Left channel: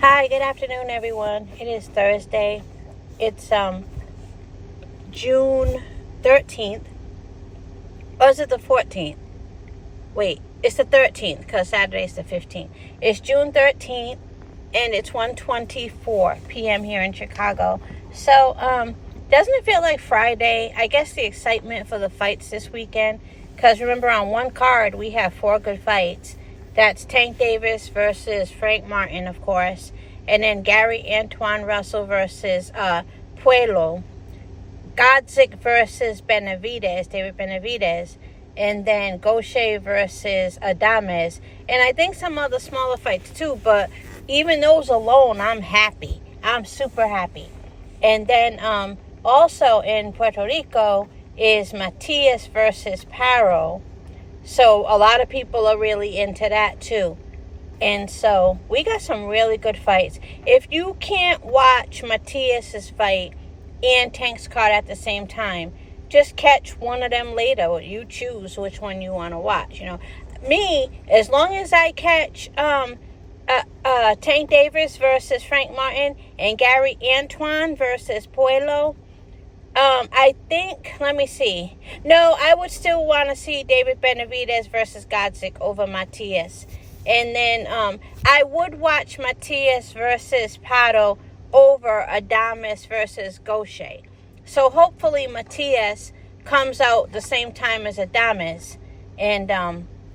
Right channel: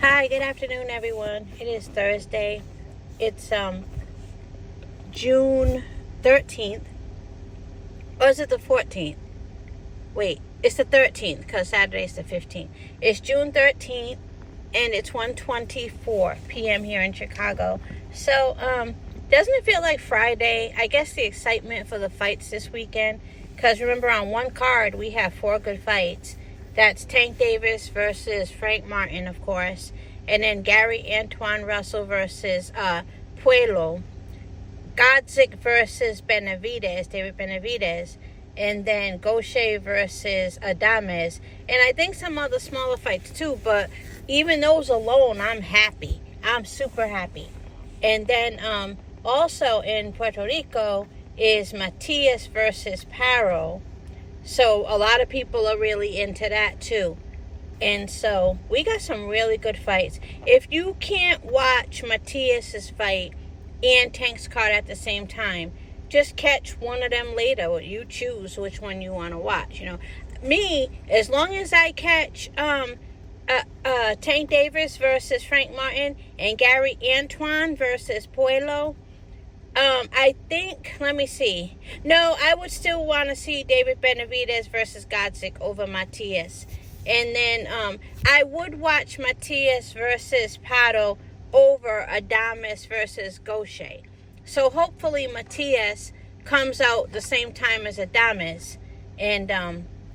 Hi, good afternoon, everyone. It is Thursday. It's June 13th. Or is it the 14th? Wait, it's the 13th because Saturday's the 15th. It's June 13th and it's 1:24 p.m. here in Chicago. So, doesn't it feel like Friday? I guess the excitement for the fights this weekend, because remember, on one card we have 4 good fights. That's Tank Davis versus Frank Martin, of course. And then Gary Antoine Russell versus Puello. Godzik versus David Benavidez. And then Gaucher versus Adames. And I think some other smaller fights too. But even those alone, I'm happy. I'm super happy. And then also in Puerto Rico is Matias versus Paro. So a lot of people are really into that too. And so we got some really good fights. If you can't watch Matias's fight and Tank's card at the same time, just catch one of them later. You choose which one you want to watch. Me, as long as I catch Tank Davis versus Frank Martin and Gary Antoine versus Puello, I think, let me see. No, I would still want to see David Benavidez versus Godzik over Matias. And then I would watch Matias versus Pato over Adames versus Gaucher. So hopefully Matias comes out the same time as Adames. And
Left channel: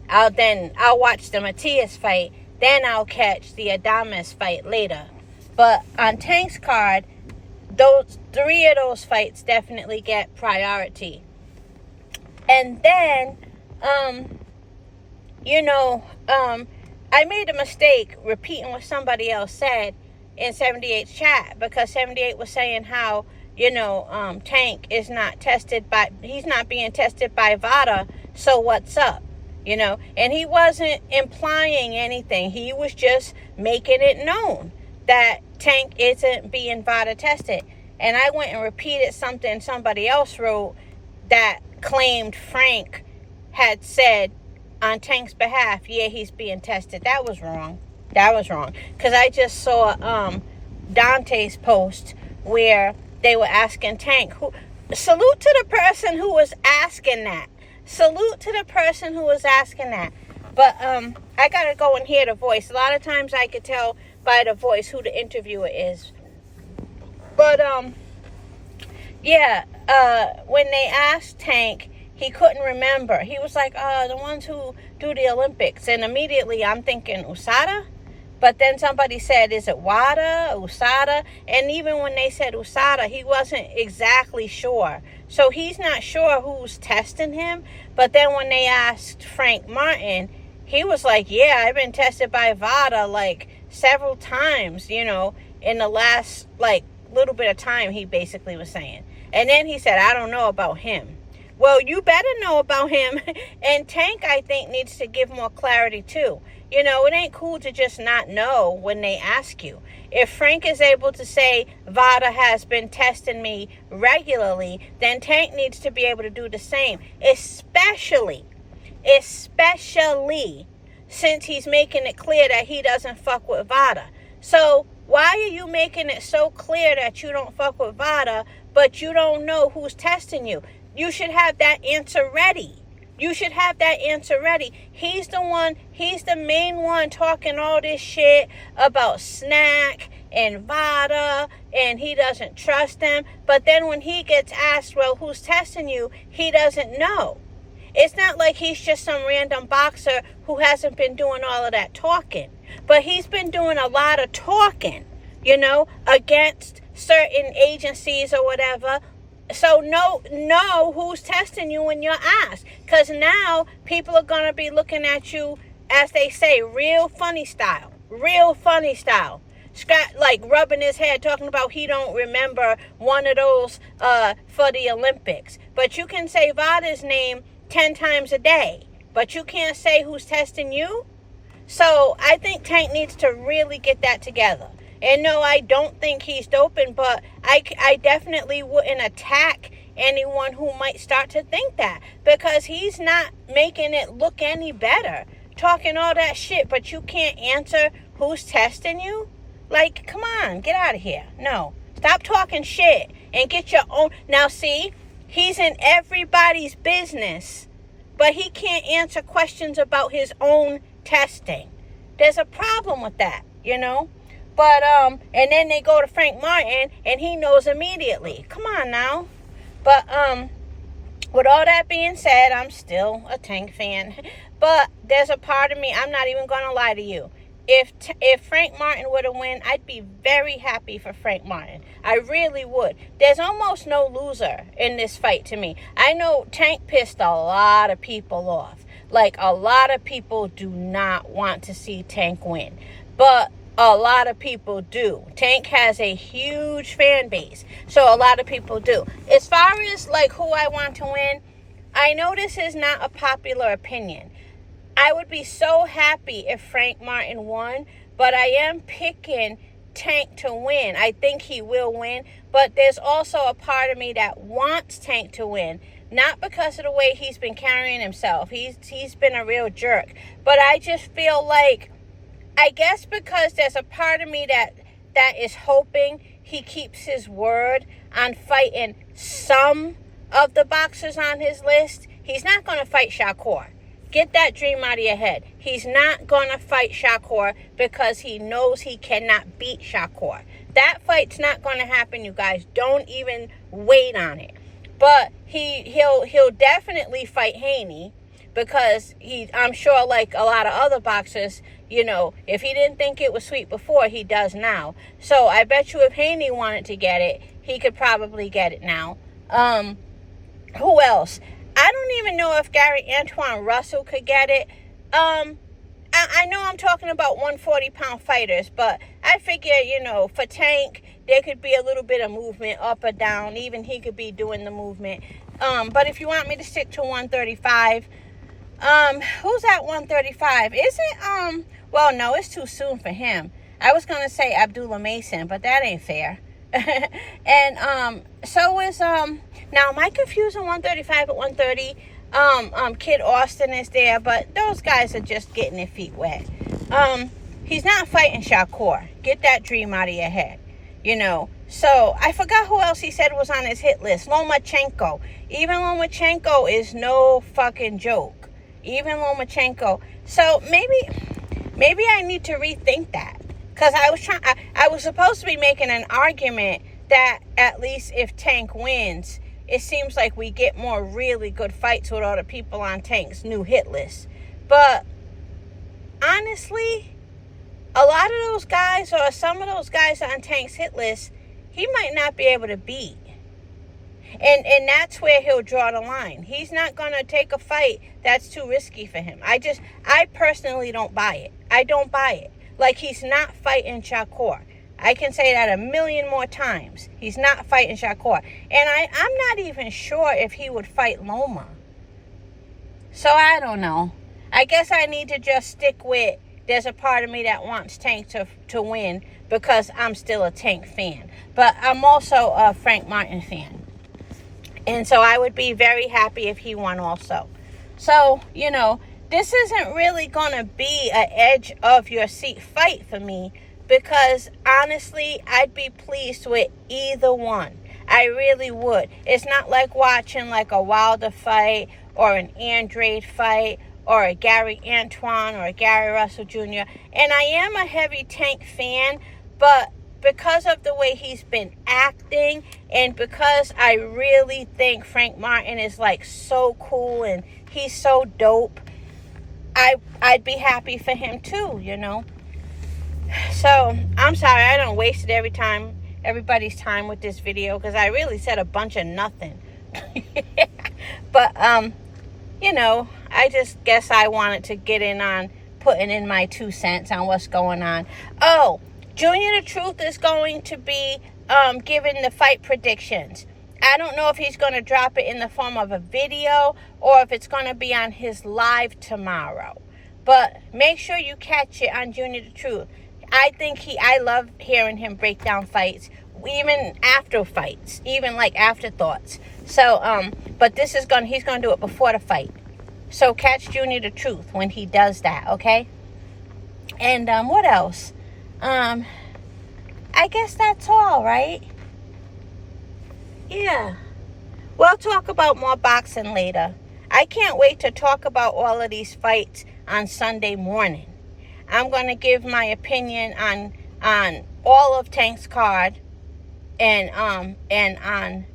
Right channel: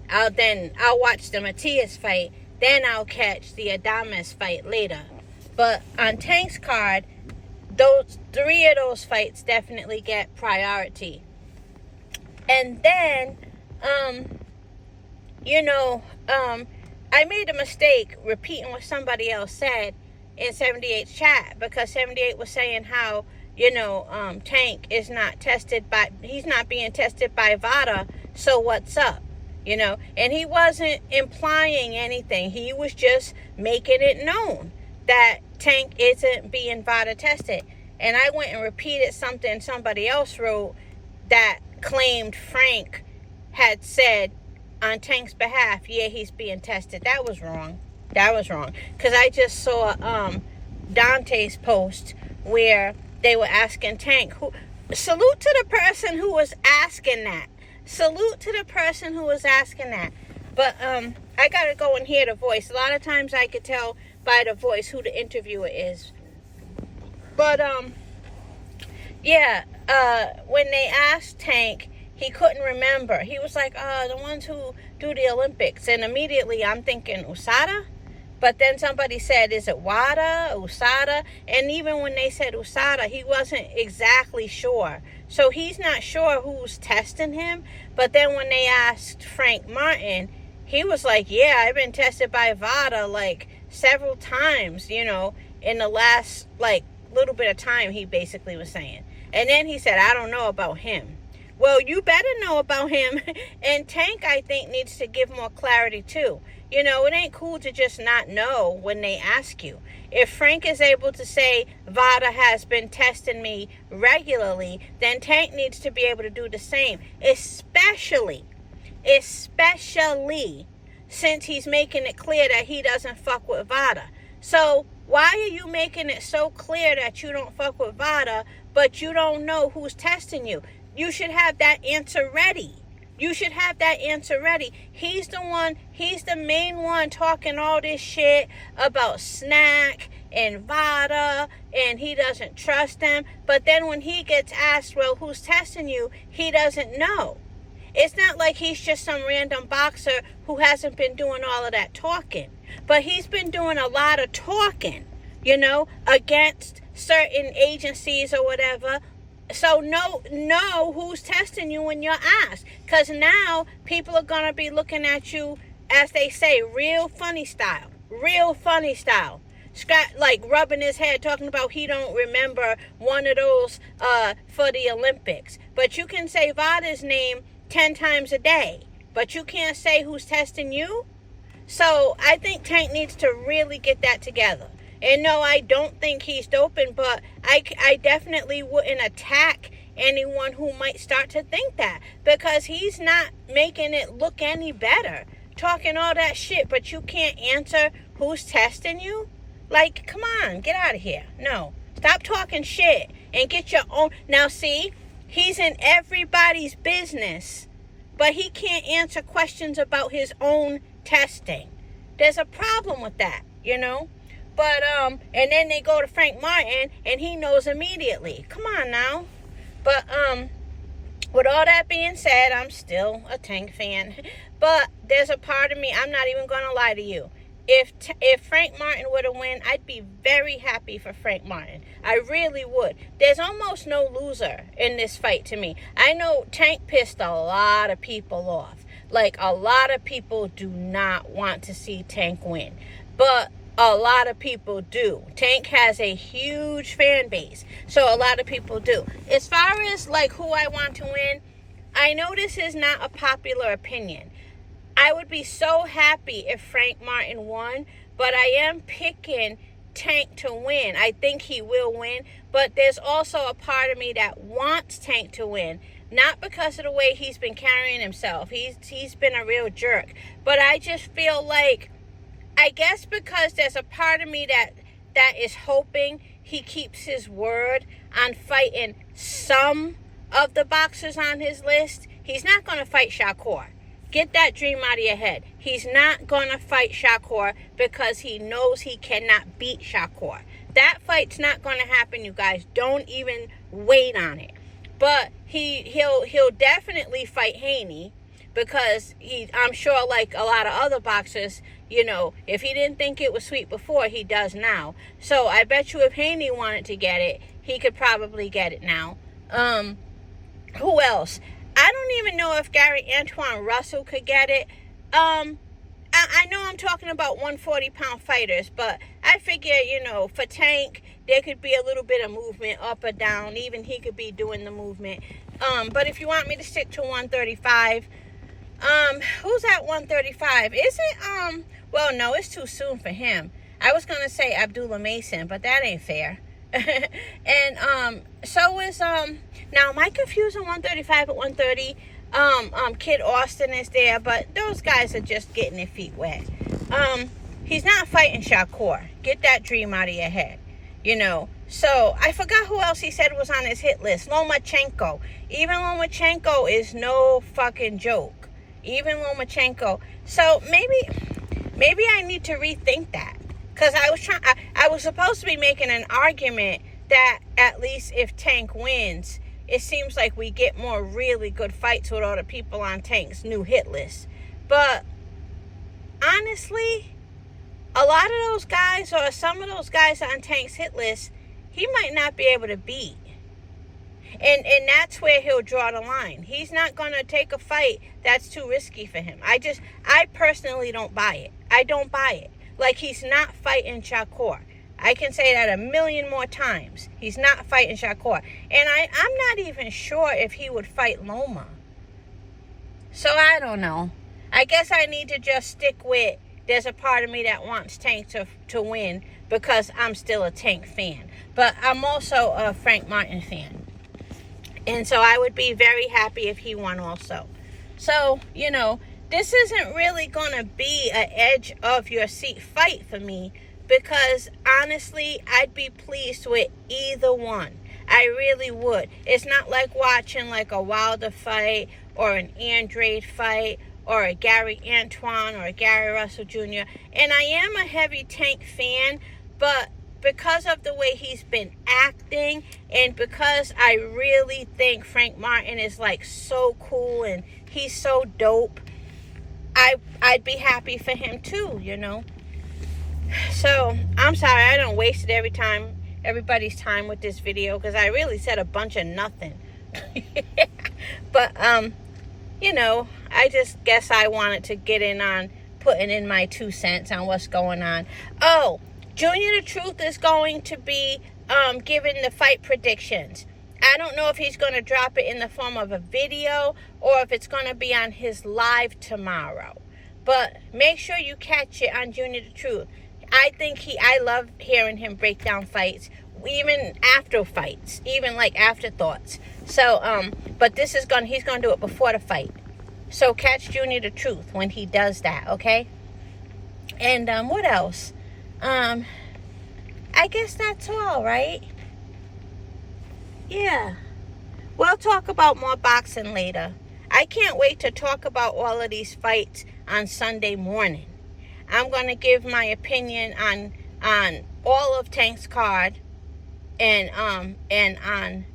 I'll watch the Matias fight. Then I'll catch the Adames fight later. But on Tank's card, those 3 of those fights definitely get priority. And then, I made a mistake repeating what somebody else said in 78's chat, because 78 was saying how, Tank is not he's not being tested by VADA, so what's up? And he wasn't implying anything. He was just making it known that Tank isn't being VADA tested. And I went and repeated something somebody else wrote that claimed Frank had said on Tank's behalf, yeah, he's being tested. That was wrong. Because I just saw Dante's post where they were asking Tank, salute to the person who was asking that. But I got to go and hear the voice. A lot of times I could tell by the voice who the interviewer is. But, when they asked Tank, he couldn't remember. He was like, the ones who do the Olympics. And immediately I'm thinking USADA. But then somebody said, is it WADA, USADA? And even when they said USADA, he wasn't exactly sure. So he's not sure who's testing him. But then when they asked Frank Martin, he was like, yeah, I've been tested by VADA several times, in the last little bit of time, he basically was saying. And then he said, I don't know about him. Well, you better know about him. And Tank, I think, needs to give more clarity too. It ain't cool to just not know when they ask you. If Frank is able to say VADA has been testing me regularly, then Tank needs to be able to do the same, especially since he's making it clear that he doesn't fuck with VADA. So why are you making it so clear that you don't fuck with VADA, but you don't know who's testing you? You should have that answer ready. He's the main one talking all this shit about Snack and VADA, and he doesn't trust them. But then when he gets asked, well, who's testing you, he doesn't know. It's not like he's just some random boxer who hasn't been doing all of that talking. But he's been doing a lot of talking, against certain agencies or whatever. So know who's testing you when you're asked. Because now people are going to be looking at you, as they say, real funny style. Scott, rubbing his head, talking about he don't remember one of those for the Olympics. But you can say VADA's name 10 times a day. But you can't say who's testing you. So I think Tank needs to really get that together. And no, I don't think he's doping, but I definitely wouldn't attack anyone who might start to think that, because he's not making it look any better. Talking all that shit, but you can't answer who's testing you? Like, come on, get out of here. No. Stop talking shit and get your own. Now, see, he's in everybody's business, but he can't answer questions about his own testing. There's a problem with that, you know? But, and then they go to Frank Martin, and he knows immediately. Come on now. But, with all that being said, I'm still a Tank fan. But there's a part of me, I'm not even going to lie to you. If Frank Martin would have won, I'd be very happy for Frank Martin. I really would. There's almost no loser in this fight to me. I know Tank pissed a lot of people off. Like, a lot of people do not want to see Tank win. But a lot of people do. Tank has a huge fan base, so a lot of people do. As far as like who I want to win, I know this is not a popular opinion. I would be so happy if Frank Martin won, but I am picking Tank to win. I think he will win, but there's also a part of me that wants Tank to win. Not because of the way he's been carrying himself. He's been a real jerk. But I just feel like, I guess because there's a part of me that is hoping he keeps his word on fighting some of the boxers on his list. He's not going to fight Shakur. Get that dream out of your head. He's not going to fight Shakur because he knows he cannot beat Shakur. That fight's not going to happen, you guys. Don't even wait on it. But he'll definitely fight Haney, because I'm sure, like a lot of other boxers, you know, if he didn't think it was sweet before, he does now. So I bet you if Haney wanted to get it, he could probably get it now. Who else? I don't even know if Gary Antoine Russell could get it. I know I'm talking about 140-pound fighters, but I figure, you know, for Tank, there could be a little bit of movement up or down. Even he could be doing the movement. But if you want me to stick to 135, who's at 135? Is it, well, no, it's too soon for him. I was going to say Abdullah Mason, but that ain't fair. And, so is, now am I confusing 135 at 130? Kid Austin is there, but those guys are just getting their feet wet. He's not fighting Shakur. Get that dream out of your head, you know. So, I forgot who else he said was on his hit list. Lomachenko. Even Lomachenko is no fucking joke. Even Lomachenko. So, maybe I need to rethink that. Because I was supposed to be making an argument that at least if Tank wins, it seems like we get more really good fights with all the people on Tank's new hit list. But honestly, a lot of those guys, or some of those guys on Tank's hit list, he might not be able to beat. And that's where he'll draw the line. He's not going to take a fight that's too risky for him. I personally don't buy it. I don't buy it. Like, he's not fighting Shakur. I can say that a million more times. He's not fighting Shakur. And I'm not even sure if he would fight Loma. So I don't know. I guess I need to just stick with, there's a part of me that wants Tank to win because I'm still a Tank fan. But I'm also a Frank Martin fan. And so I would be very happy if he won also. So, you know, this isn't really going to be an edge of your seat fight for me, because honestly, I'd be pleased with either one. I really would. It's not like watching like a Wilder fight or an Andrade fight or a Gary Antoine or a Gary Russell Jr. And I am a heavy Tank fan, but because of the way he's been acting, and because I really think Frank Martin is like so cool and he's so dope, I'd be happy for him too, you know. So I'm sorry I don't wasted everybody's time with this video, because I really said a bunch of nothing. But you know, I just guess I wanted to get in on putting in my 2 cents on what's going on. Oh, Junior the Truth is going to be giving the fight predictions. I don't know if he's going to drop it in the form of a video or if it's going to be on his live tomorrow. But make sure you catch it on Junior the Truth. I love hearing him break down fights, even after fights, even like afterthoughts. So, but he's going to do it before the fight. So catch Junior the Truth when he does that, okay? And what else? I guess that's all, right? Yeah. We'll talk about more boxing later. I can't wait to talk about all of these fights on Sunday morning. I'm going to give my opinion on all of Tank's card and on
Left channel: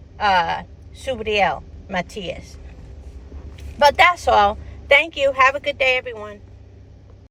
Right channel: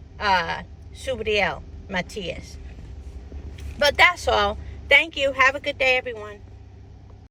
Subriel Matias. But that's all. Thank you. Have a good day, everyone.